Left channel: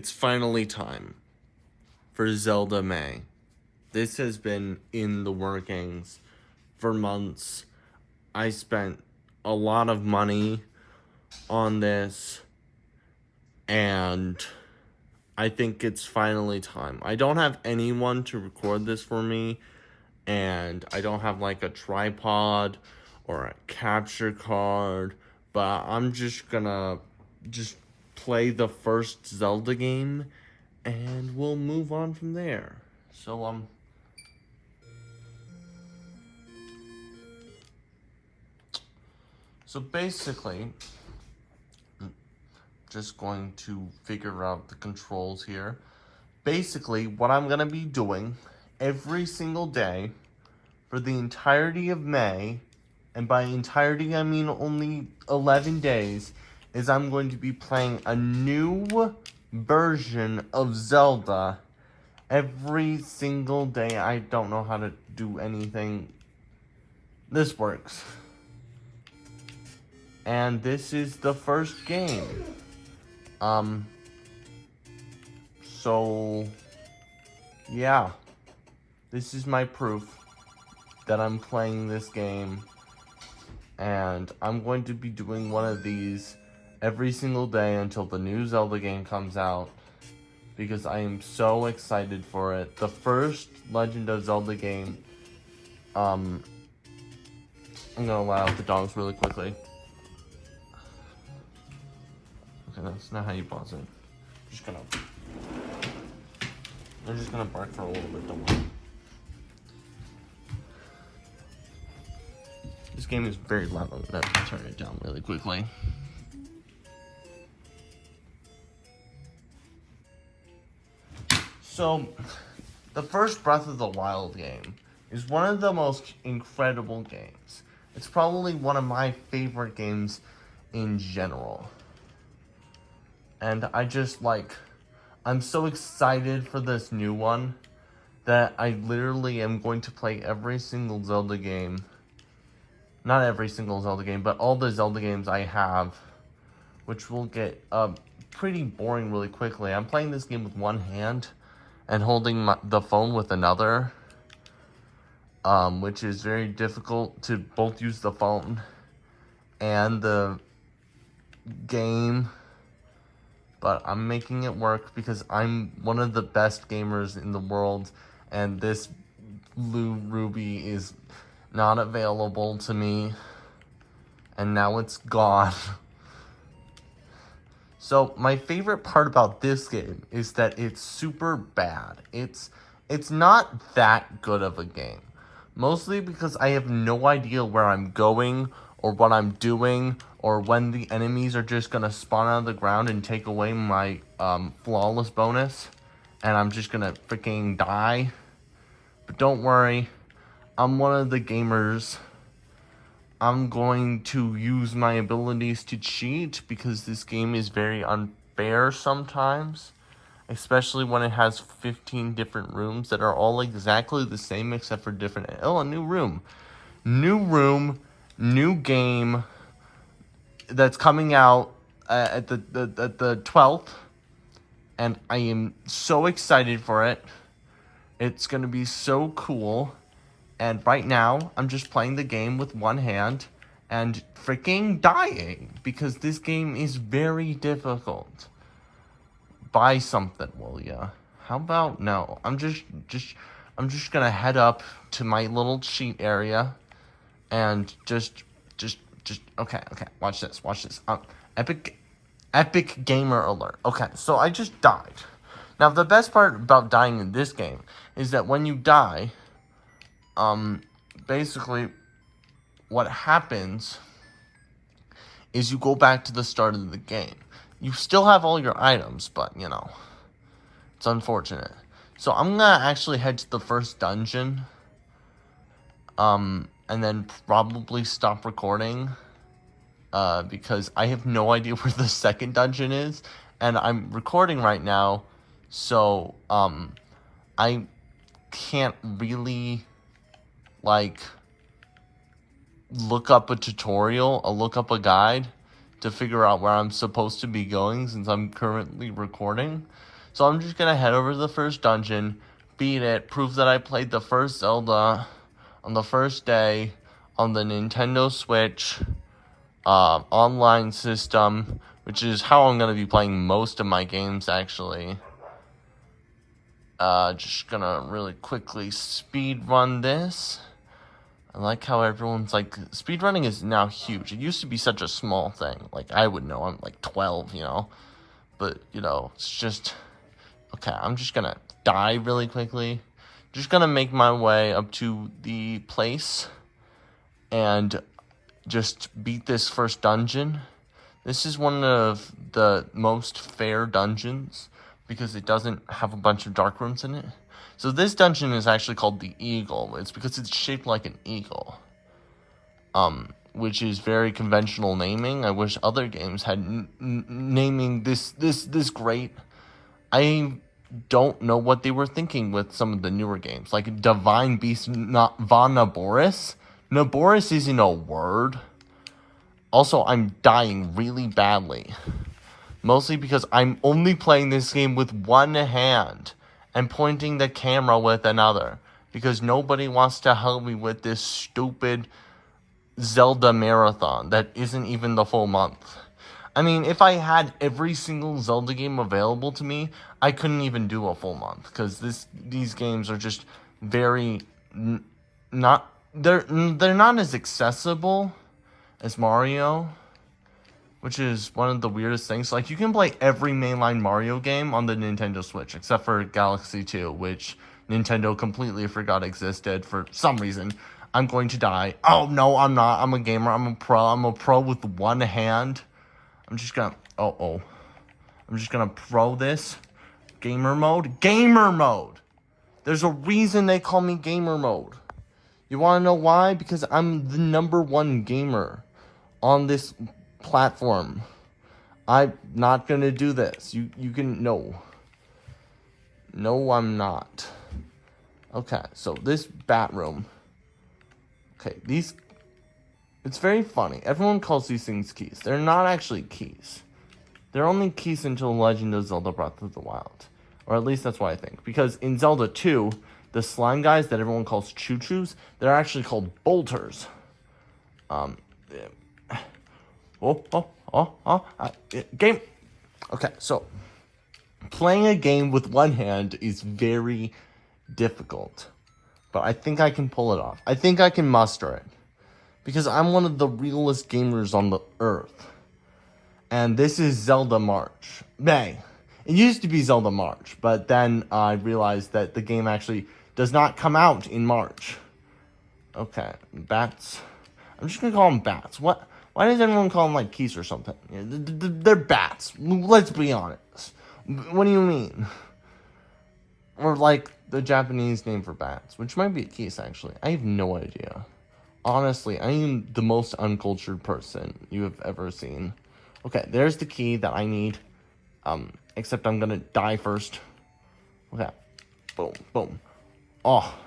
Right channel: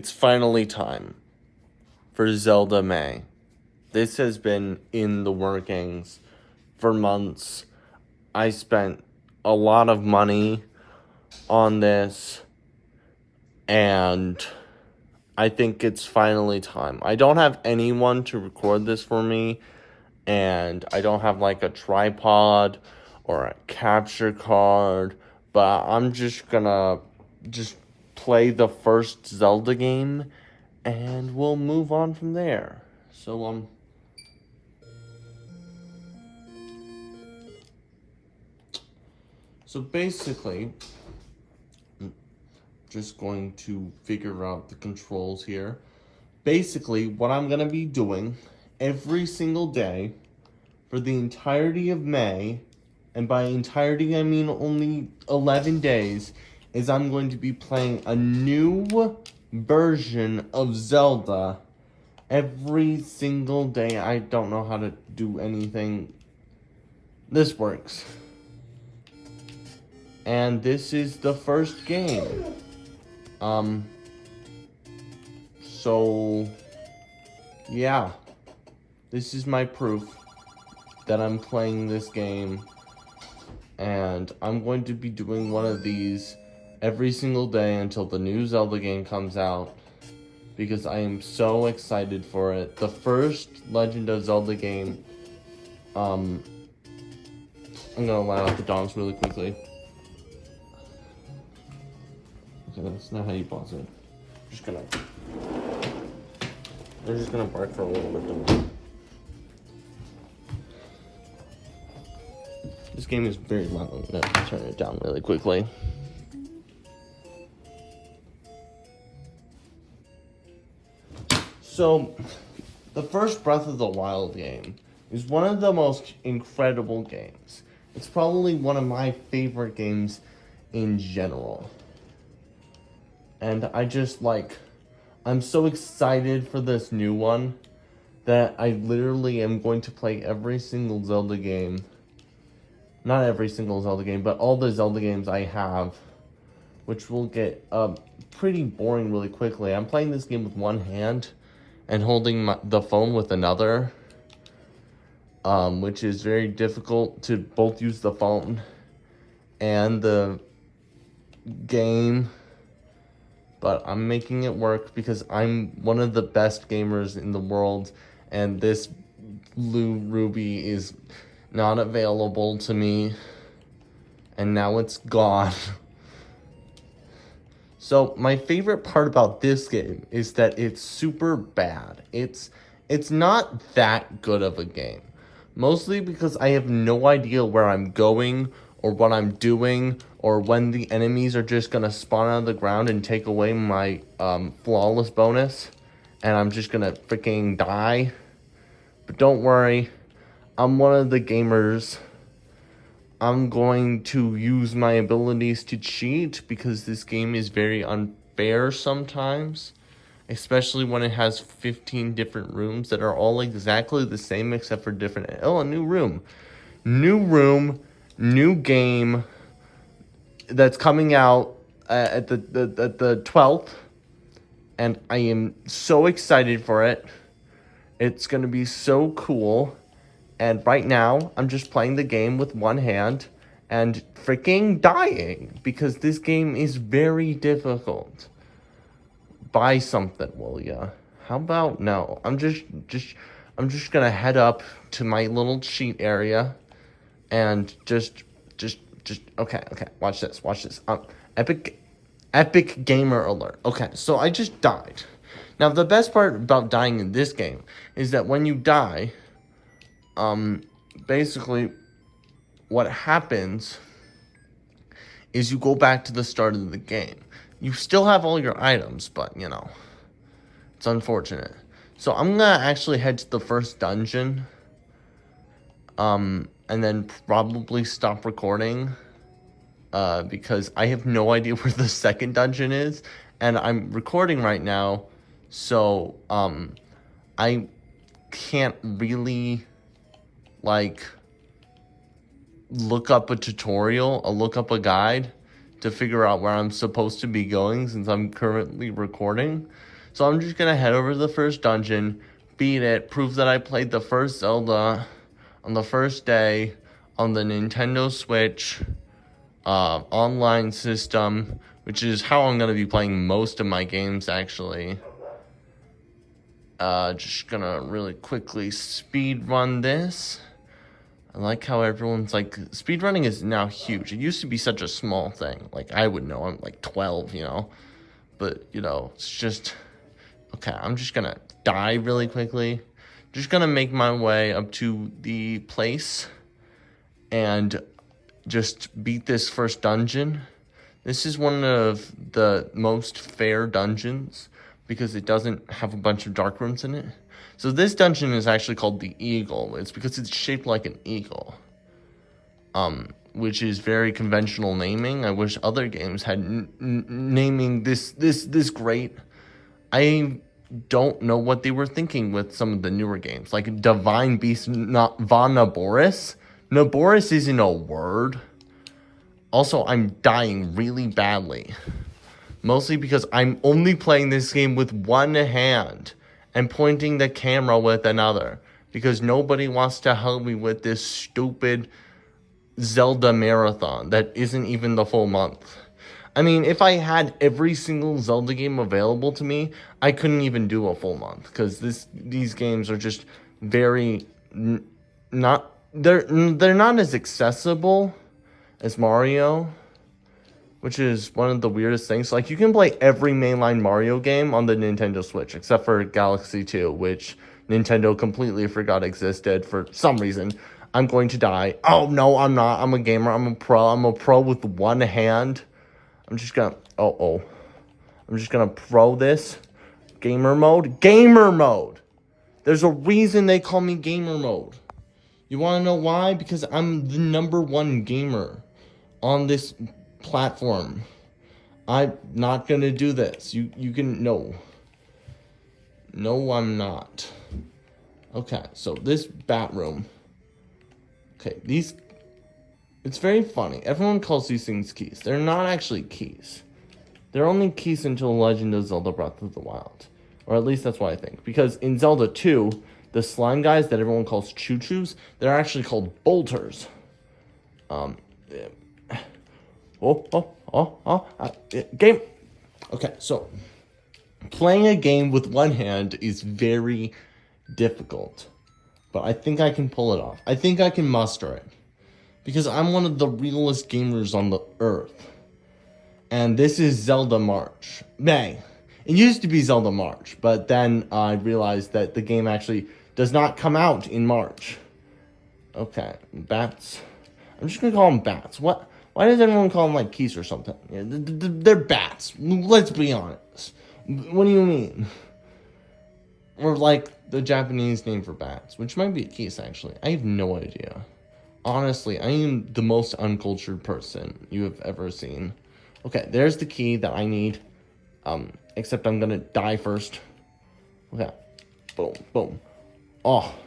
It's finally time for Zelda May. This has been in the workings for months. I spent a lot of money on this, and I think it's finally time. I don't have anyone to record this for me, and I don't have like a tripod or a capture card, but I'm just gonna play the first Zelda game and we'll move on from there. So basically, I'm just going to figure out the controls here. Basically, what I'm gonna be doing every single day for the entirety of May, and by entirety I mean only 11 days, is I'm going to be playing a new version of Zelda every single day. I don't know how to do anything. This works. And this is the first game. So, yeah. This is my proof that I'm playing this game. And I'm going to be doing one of these every single day until the new Zelda game comes out, because I am so excited for it. The first Legend of Zelda game, I'm gonna allow out the dogs really quickly. Okay, that's not how you pause it. They're just gonna bark for a little bit. This game is very loud. I'm gonna turn it down really quickly. So, the first Breath of the Wild game is one of the most incredible games. It's probably one of my favorite games in general. And I'm so excited for this new one that I literally am going to play every single Zelda game. Not every single Zelda game, but all the Zelda games I have, which will get pretty boring really quickly. I'm playing this game with one hand and holding the phone with another, which is very difficult to both use the phone and the game. But I'm making it work because I'm one of the best gamers in the world, and this blue ruby is not available to me, and now it's gone. So my favorite part about this game is that it's super bad. It's not that good of a game. Mostly because I have no idea where I'm going or what I'm doing, or when the enemies are just gonna spawn out of the ground and take away my flawless bonus, and I'm just gonna freaking die. But don't worry, I'm one of the gamers. I'm going to use my abilities to cheat because this game is very unfair sometimes, especially when it has 15 different rooms that are all exactly the same except for different. Oh, a new room. New game that's coming out at the 12th, and I am so excited for it. It's going to be so cool. And right now, I'm just playing the game with one hand and freaking dying because this game is very difficult. Buy something, will ya? How about no? I'm just gonna head up to my little cheat area and just okay. Watch this. Epic gamer alert. Okay, so I just died. Now the best part about dying in this game is that when you die, basically what happens is you go back to the start of the game. You still have all your items, but it's unfortunate. So I'm gonna actually head to the first dungeon, and then probably stop recording, because I have no idea where the second dungeon is, and I'm recording right now, so I can't really look up a tutorial, look up a guide to figure out where I'm supposed to be going since I'm currently recording. So I'm just gonna head over to the first dungeon, beat it, prove that I played the first Zelda on the first day on the Nintendo Switch online system, which is how I'm gonna be playing most of my games actually. Just gonna really quickly speed run this. I like how everyone's like, speedrunning is now huge. It used to be such a small thing. Like, I would know, I'm like 12, you know? But, you know, it's just, okay, I'm just gonna die really quickly. Just gonna make my way up to the place and just beat this first dungeon. This is one of the most fair dungeons because it doesn't have a bunch of dark rooms in it. So this dungeon is actually called the Eagle. It's because it's shaped like an eagle, which is very conventional naming. I wish other games had naming this great. I don't know what they were thinking with some of the newer games, like Divine Beast, not Von Naboris. Naboris isn't a word. Also, I'm dying really badly. Mostly because I'm only playing this game with one hand and pointing the camera with another. Because nobody wants to help me with this stupid Zelda marathon that isn't even the full month. I mean, if I had every single Zelda game available to me, I couldn't even do a full month. Because these games are just very not... They're not as accessible as Mario, which is one of the weirdest things. Like, you can play every mainline Mario game on the Nintendo Switch, except for Galaxy 2, which Nintendo completely forgot existed for some reason. I'm going to die. Oh, no, I'm not. I'm a gamer. I'm a pro. I'm a pro with one hand. I'm just gonna... I'm just gonna pro this. Gamer mode? Gamer mode! There's a reason they call me gamer mode. You wanna know why? Because I'm the #1 gamer on this platform. I'm not gonna do this. You can no. No, I'm not. Okay, so this bat room. Okay, it's very funny. Everyone calls these things keys. They're not actually keys. They're only keys until Legend of Zelda Breath of the Wild. Or at least that's what I think. Because in Zelda 2, the slime guys that everyone calls choo-choos, they're actually called bolters. Game. Okay, so playing a game with one hand is very difficult, but I think I can pull it off. I think I can muster it because I'm one of the realest gamers on the earth. And this is Zelda March. It used to be Zelda March, but then I realized that the game actually does not come out in March. Okay, bats. I'm just gonna call them bats. What? Why does everyone call them like keys or something? They're bats. Let's be honest. What do you mean? Or like the Japanese name for bats, which might be a keys actually. I have no idea. Honestly, I am the most uncultured person you have ever seen. Okay, there's the key that I need. Except I'm gonna die first. Okay. Boom, boom. Oh.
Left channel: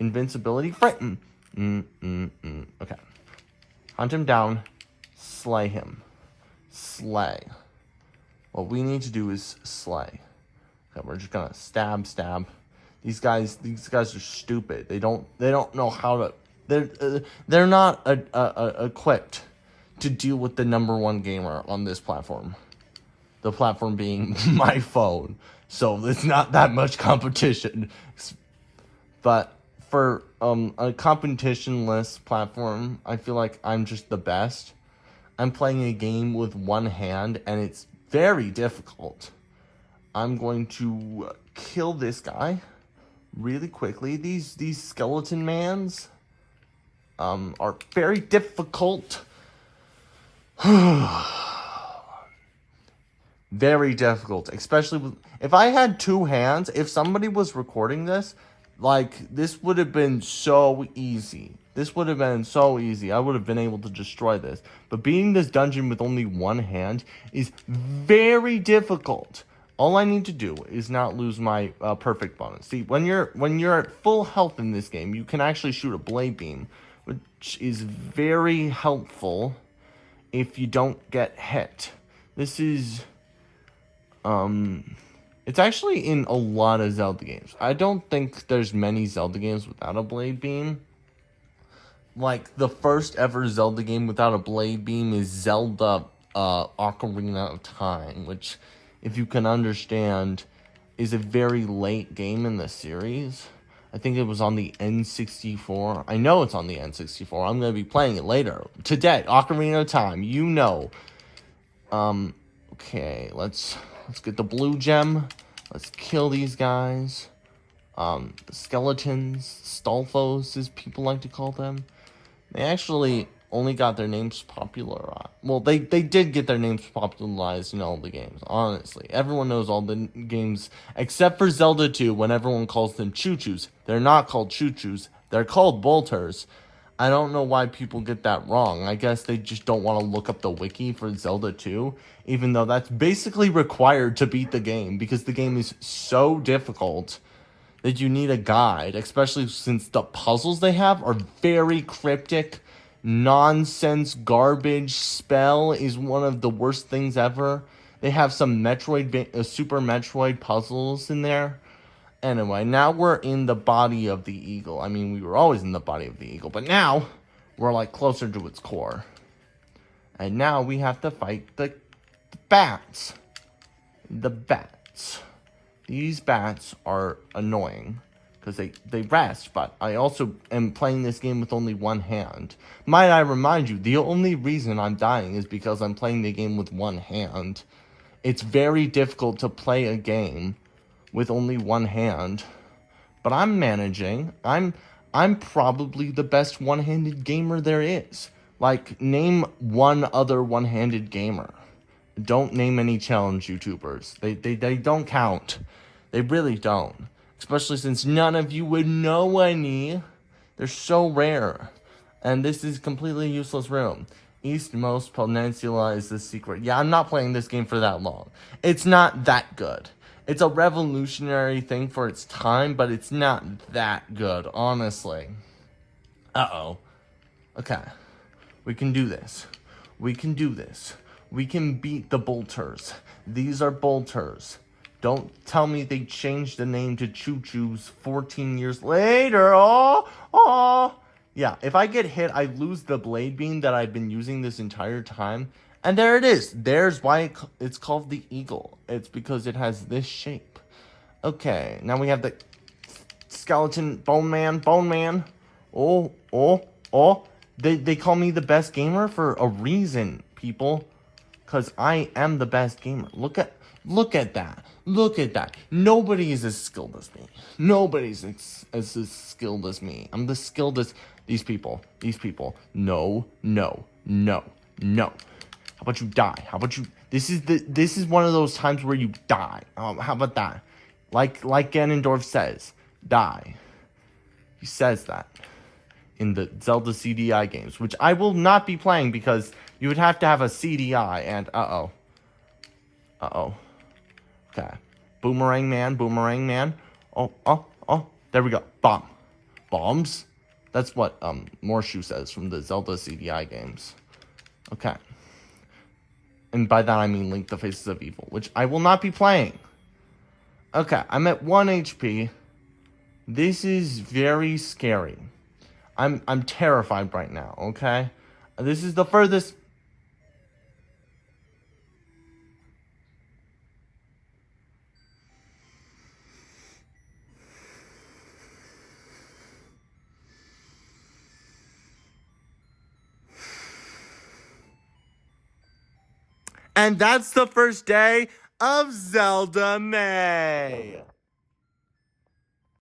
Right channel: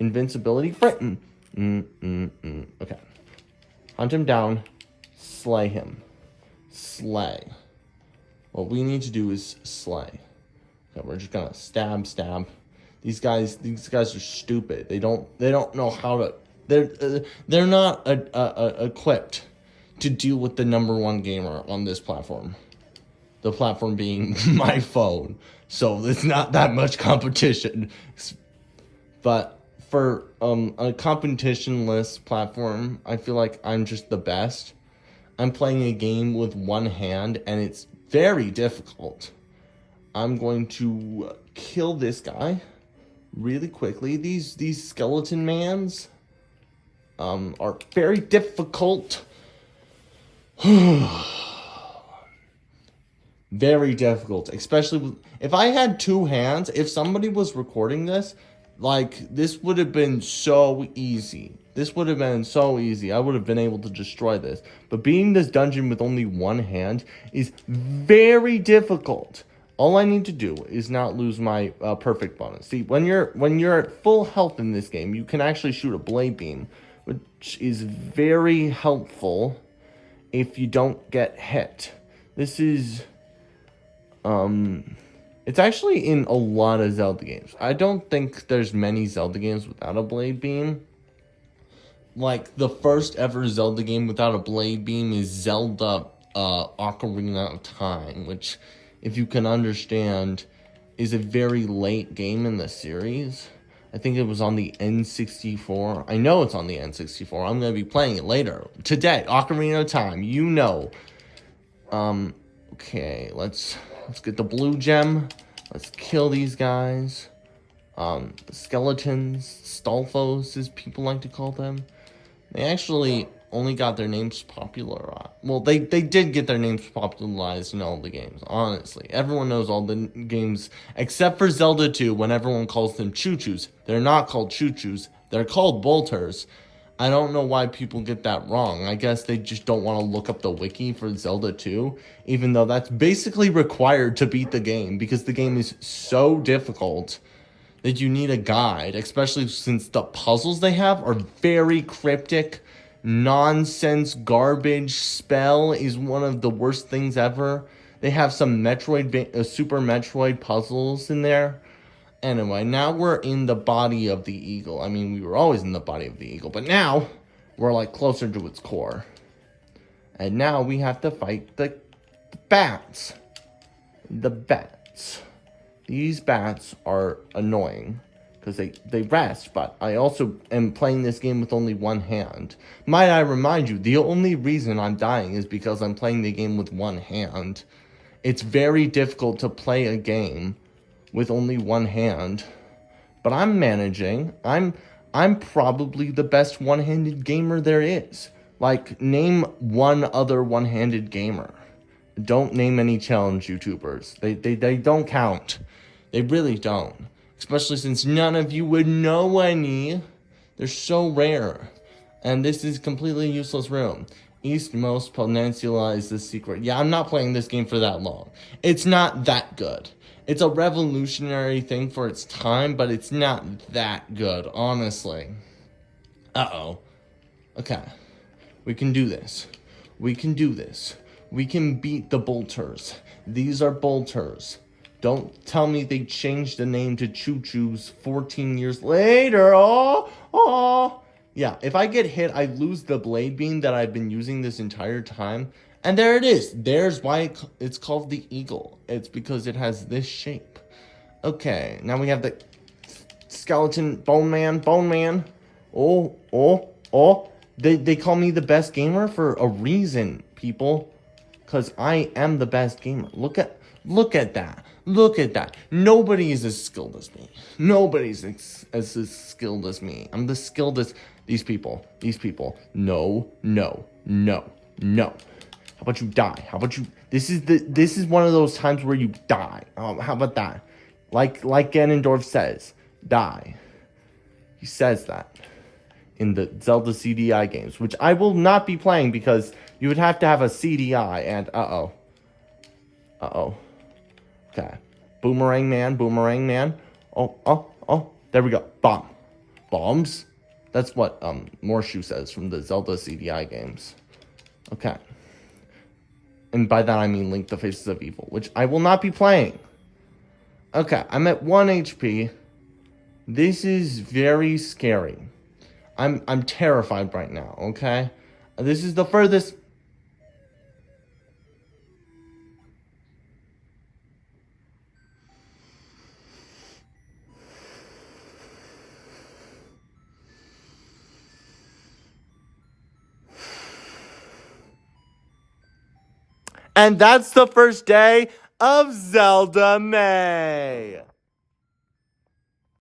Invincibility frame. Okay. Hunt him down. Slay him. Slay. What we need to do is slay. Okay, we're just gonna stab. These guys are stupid. They don't know how to. They're not equipped to deal with the #1 gamer on this platform. The platform being my phone. So it's not that much competition. But for a competition-less platform, I feel like I'm just the best. I'm playing a game with one hand, and it's very difficult. I'm going to kill this guy really quickly. These skeleton mans are very difficult. Very difficult, especially if I had two hands. If somebody was recording this, like, this would have been so easy. This would have been so easy. I would have been able to destroy this. But beating this dungeon with only one hand is very difficult. All I need to do is not lose my perfect bonus. See, when you're at full health in this game, you can actually shoot a blade beam, which is very helpful if you don't get hit. This is It's actually in a lot of Zelda games. I don't think there's many Zelda games without a blade beam. Like, the first ever Zelda game without a blade beam is Zelda Ocarina of Time, which, if you can understand, is a very late game in the series. I think it was on the N64. I know it's on the N64. I'm going to be playing it later. Today, Ocarina of Time, you know. Okay, let's get the blue gem. Let's kill these guys. Skeletons, Stalfos, as people like to call them. They actually only got their names popularized. Well, they did get their names popularized in all the games, honestly. Everyone knows all the games, except for Zelda 2, when everyone calls them Choo-Choos. They're not called Choo-Choos. They're called Bolters. I don't know why people get that wrong. I guess they just don't want to look up the wiki for Zelda 2, even though that's basically required to beat the game, because the game is so difficult that you need a guide, especially since the puzzles they have are very cryptic. Nonsense garbage spell is one of the worst things ever. They have some Super Metroid puzzles in there. Anyway, now we're in the body of the eagle. I mean, we were always in the body of the eagle, but now we're like closer to its core. And now we have to fight the bats. The bats. These bats are annoying because they rest, but I also am playing this game with only one hand. Might I remind you, the only reason I'm dying is because I'm playing the game with one hand. It's very difficult to play a game with only one hand, but I'm managing. I'm probably the best one-handed gamer there is. Like, name one other one-handed gamer. Don't name any challenge YouTubers. They don't count. They really don't. Especially since none of you would know any. They're so rare. And this is completely useless room. Eastmost Peninsula is the secret. Yeah, I'm not playing this game for that long. It's not that good. It's a revolutionary thing for its time, but it's not that good, honestly. Uh-oh. Okay. We can do this. We can do this. We can beat the Bolters. These are Bolters. Don't tell me they changed the name to Choo-Choos 14 years later. Oh. Yeah, if I get hit, I lose the blade beam that I've been using this entire time. And there it is. There's why it's called the eagle. It's because it has this shape. Okay, now we have the skeleton bone man. Oh. They call me the best gamer for a reason, people. Because I am the best gamer. Look at that. Look at that. Nobody is as skilled as me. Nobody's as skilled as me. I'm the skilled as these people. No. How about you die? How about you? This is one of those times where you die. How about that? Like Ganondorf says, die. He says that in the Zelda CDI games, which I will not be playing because you would have to have a CDI, and uh-oh. Okay. Boomerang man. Oh, there we go. Bombs? That's what, Morshu says from the Zelda CDI games. Okay. And by that I mean Link the Faces of Evil, which I will not be playing. Okay, I'm at 1 HP. This is very scary. I'm terrified right now, okay? This is the furthest... And that's the first day of Zelda May.